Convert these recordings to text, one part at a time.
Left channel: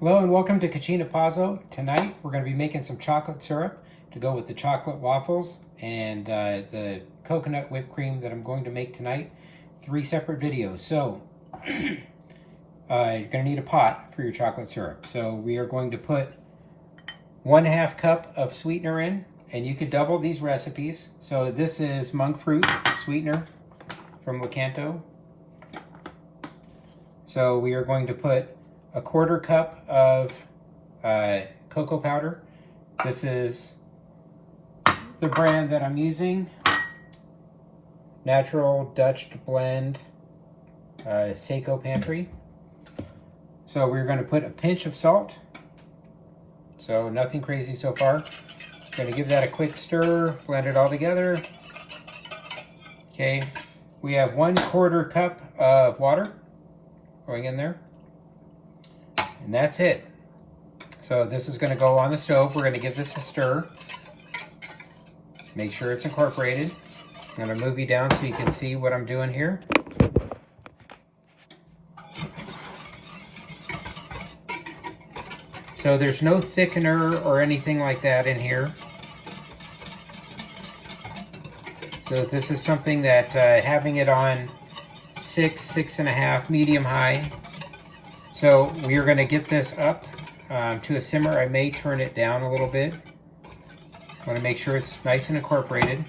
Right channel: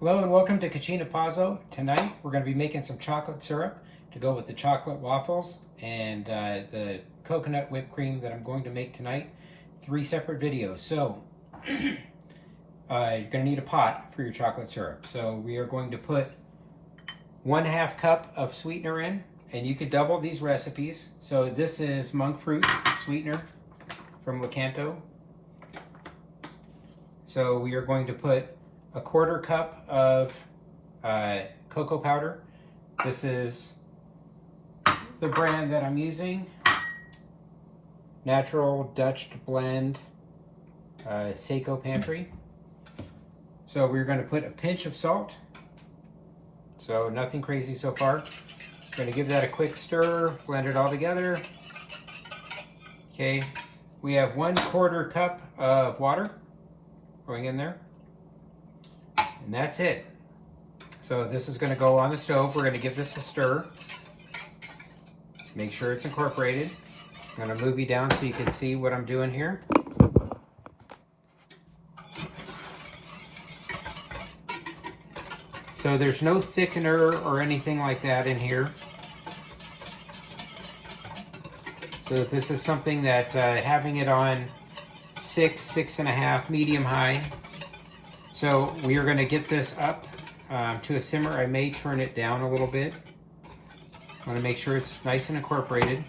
Hello and welcome to Cucina Pazzo. Tonight we're going to be making some chocolate syrup to go with the chocolate waffles and the coconut whipped cream that I'm going to make tonight. 3 separate videos. So you're going to need a pot for your chocolate syrup. So we are going to put 1/2 cup of sweetener in, and you could double these recipes. So this is monk fruit sweetener from Keto. So we are going to put 1/4 cup of cocoa powder. This is the brand that I'm using, Natural Dutch Blend, Seiko Pantry. So we're going to put a pinch of salt. So nothing crazy so far. Going to give that a quick stir, blend it all together. Okay, we have 1/4 cup of water going in there. And that's it. So this is going to go on the stove. We're going to give this a stir. Make sure it's incorporated. I'm going to move you down so you can see what I'm doing here. So there's no thickener or anything like that in here. So this is something that having it on 6.5 medium high. So we are going to get this up to a simmer. I may turn it down a little bit. I want to make sure it's nice and incorporated.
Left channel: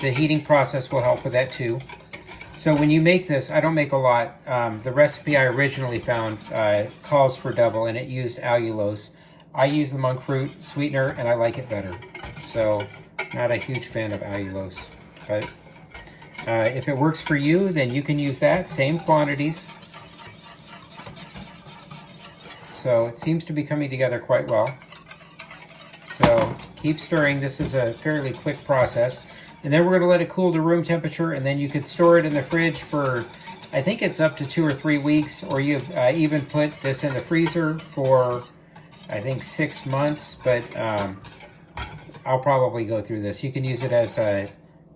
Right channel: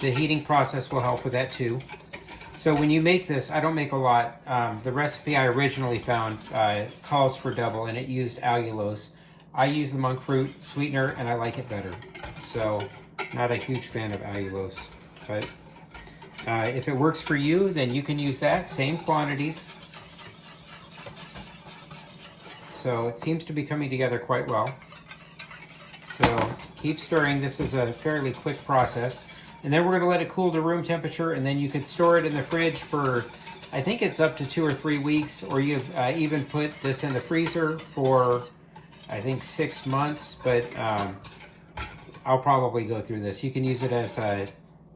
The heating process will help with that too. So when you make this, I don't make a lot. The recipe I originally found calls for double, and it used allulose. I use the monk fruit sweetener, and I like it better. So not a huge fan of allulose, but if it works for you, then you can use that, same quantities. So it seems to be coming together quite well. So keep stirring. This is a fairly quick process. And then we're going to let it cool to room temperature, and then you could store it in the fridge for, I think it's up to 2 or 3 weeks, or you've even put this in the freezer for, I think 6 months, but I'll probably go through this. You can use it as a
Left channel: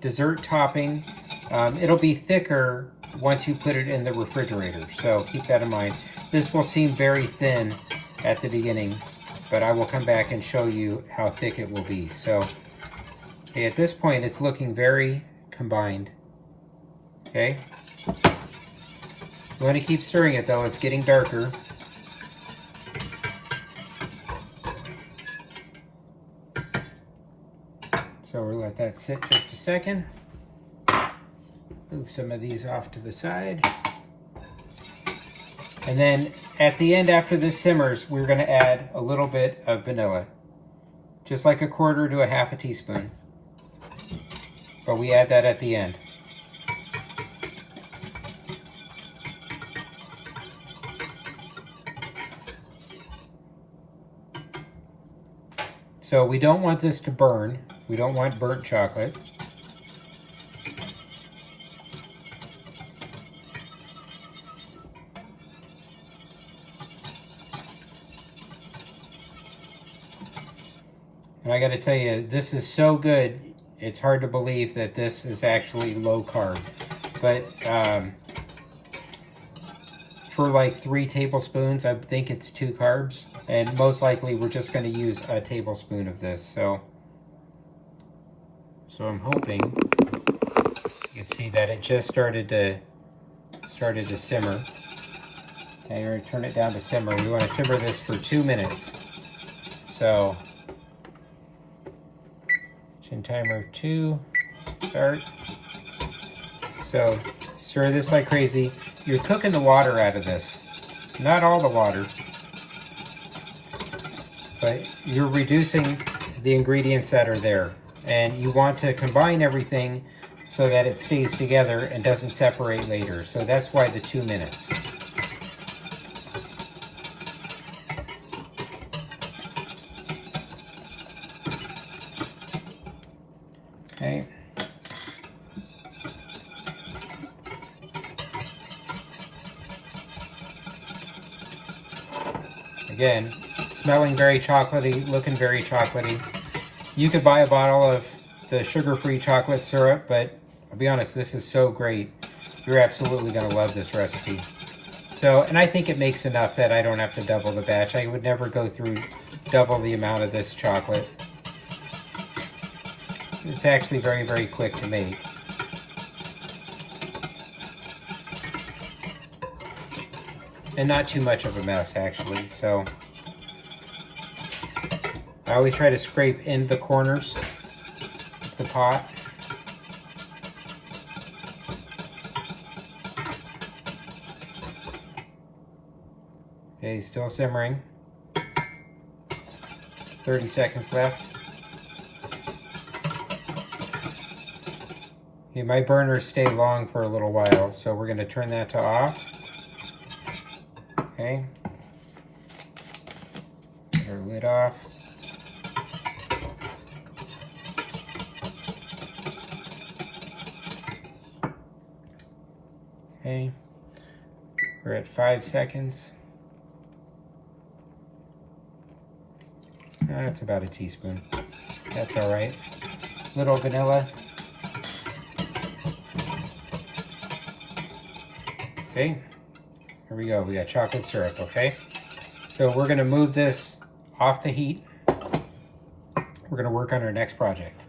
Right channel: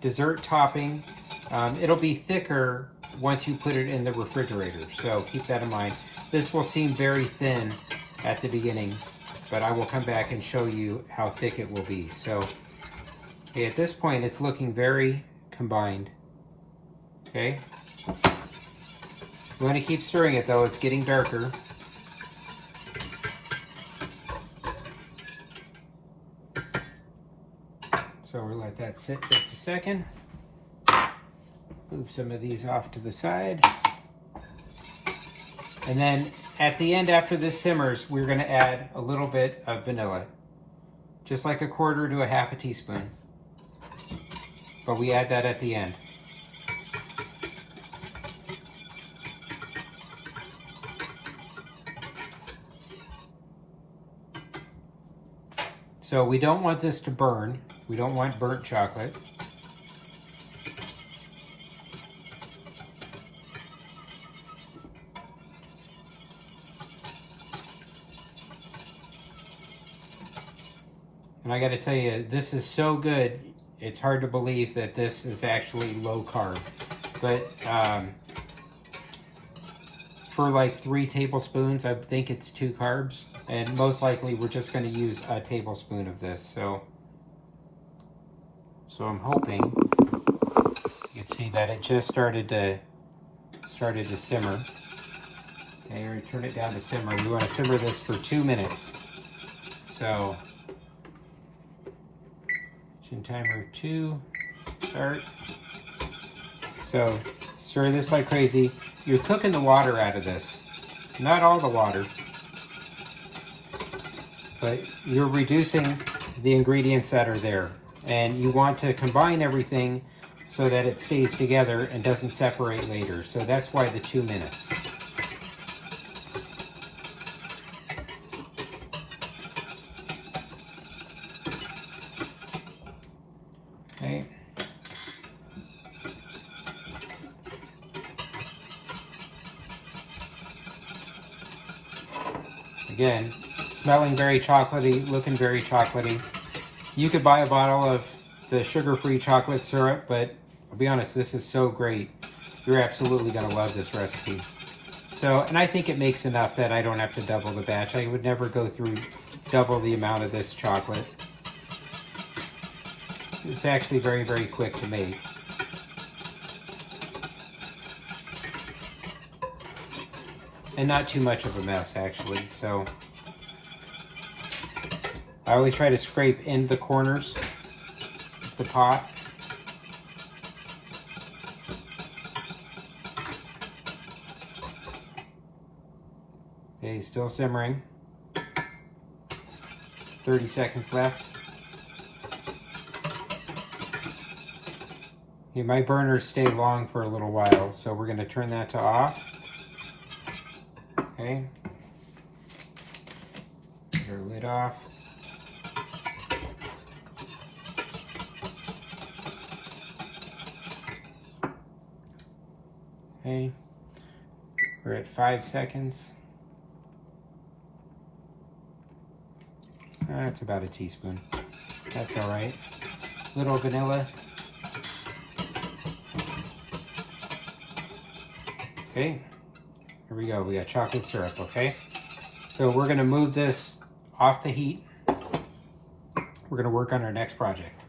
dessert topping. It'll be thicker once you put it in the refrigerator, so keep that in mind. This will seem very thin at the beginning, but I will come back and show you how thick it will be. So, okay, at this point, it's looking very combined. Okay, you want to keep stirring it though; it's getting darker. So we'll let that sit just a second. Move some of these off to the side. And then at the end, after this simmers, we're going to add a little bit of vanilla. Just like 1/4 to 1/2 teaspoon. But we add that at the end. So we don't want this to burn. We don't want burnt chocolate. And I got to tell you, this is so good, it's hard to believe that this is actually low carb. But for like 3 tablespoons, I think it's 2 carbs. And most likely we're just going to use a tablespoon of this. So I'm hoping you can see that it just started to simmer. And we're going to turn it down to simmer. We want to simmer this for 2 minutes. So timer 2, start. So stir this like crazy. You're cooking the water out of this. Not all the water, but you're reducing the ingredients that are there. And you want to combine everything so that it stays together and doesn't separate later. So that's why the 2 minutes. Okay. Again, smelling very chocolatey, looking very chocolatey. You could buy a bottle of the sugar-free chocolate syrup, but I'll be honest, this is so great. You're absolutely going to love this recipe. So, and I think it makes enough that I don't have to double the batch. I would never go through double the amount of this chocolate. It's actually very, very quick to make. And not too much of a mess, actually. So I always try to scrape in the corners of the pot. Okay, still simmering. 30 seconds left. Okay, my burners stay long for a little while, so we're going to turn that to off. Okay. Get our lid off. Okay. We're at 5 seconds. That's about a teaspoon. That's all right. Little vanilla. Okay. Here we go. We got chocolate syrup, okay? So we're going to move this off the heat. We're going to work on our next project.